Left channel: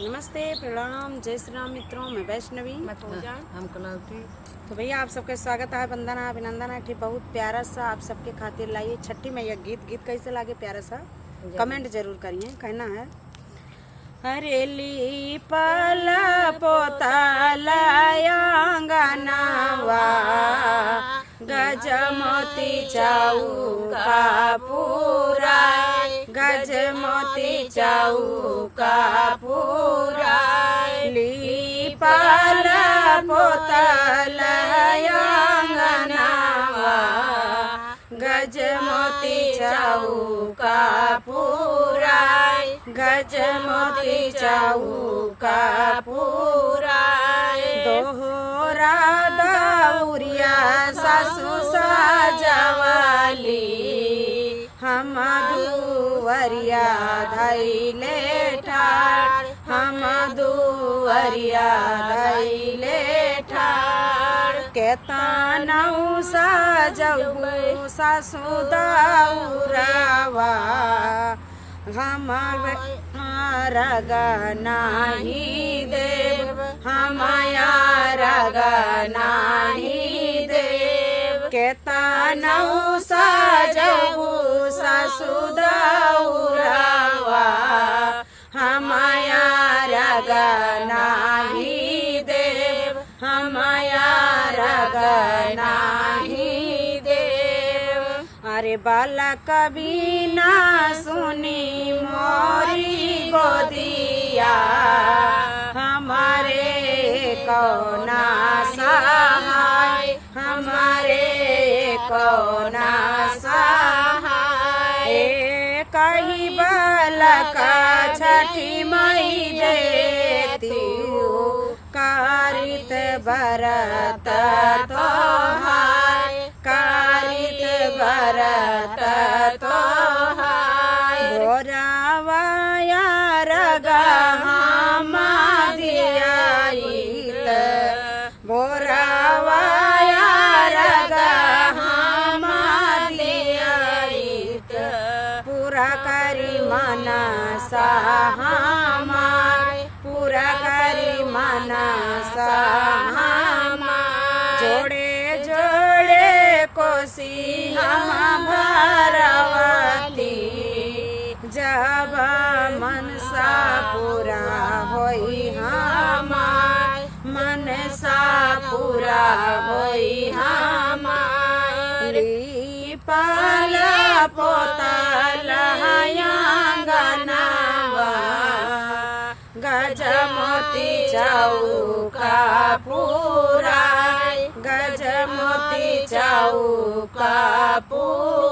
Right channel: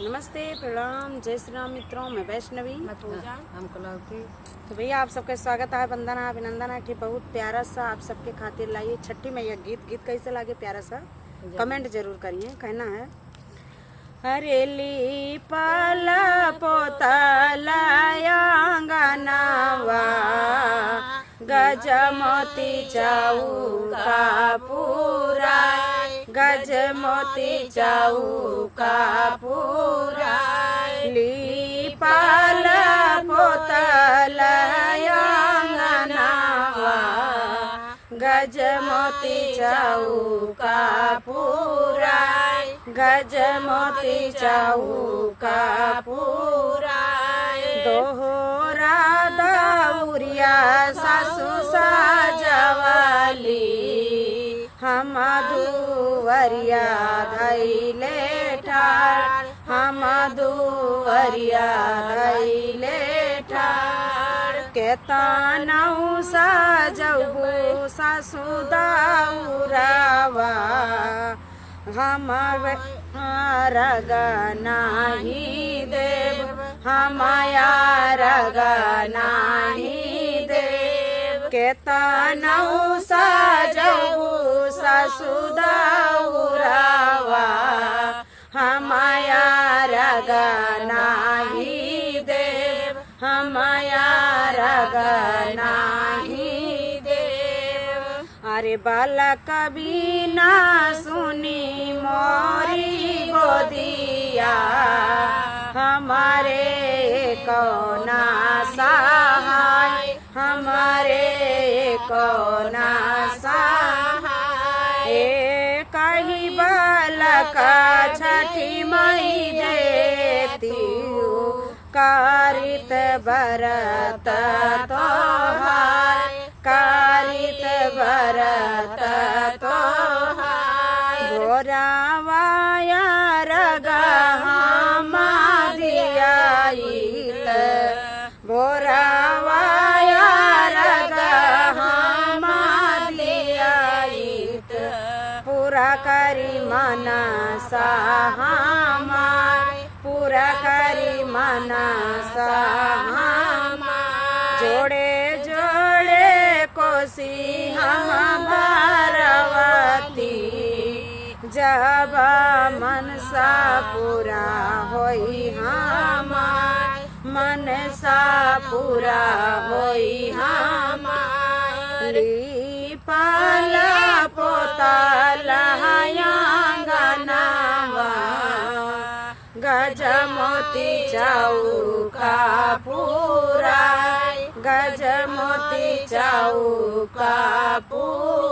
नमस्ते, प्रणाम, जय श्री राम मित्रों। मैं वैष्णवी हम कलावती। तो भैया आप सबका स्वागत है, वंदना अभिनंदन है कि बहुत प्यारा सा आप सबके खातिर लाइए छठी मैया गीत कैसे लागे प्यारा सा कमेंट जरूर करिए। कहना है हरेली पाला पोताला अंगनावा गजमोती चौका पूरा गजमोती चौका पूरा लीपाला पोताला अंगनावा गजमोती चौका पूरा गजमोती चौका पूरा दोहरा दौरिया सासु साजवाली हम दुवरिया धैले ठार हम दुवरिया धैले ठार केतनौ सजबू सासु दौरावा हमार गनाही देव हमार गनाही देव केतनौ सजबू सासु दौरावा हमार गनाही देव हमार गनाही देव। अरे बालक बिना सुनी मोरी गोदिया हमारे कौना सहाय हमारे कौना सहाय कही बालक छठी मई देती कारित बरत तोहार कारित बरत तोहार भोरावाया रगहामा दियाइत भोरावाया रगहामा दियाइत पूरा करी मनसा हमार पूरा करी मनसा हमार जोड़े जोड़े कोसी हम भरवती जब मनसा पूरा होई हमार मनसा पूरा होई हमार लीपाला पोताला अंगनावा गजमोती चौका पूरा गजमोती चौका पूरा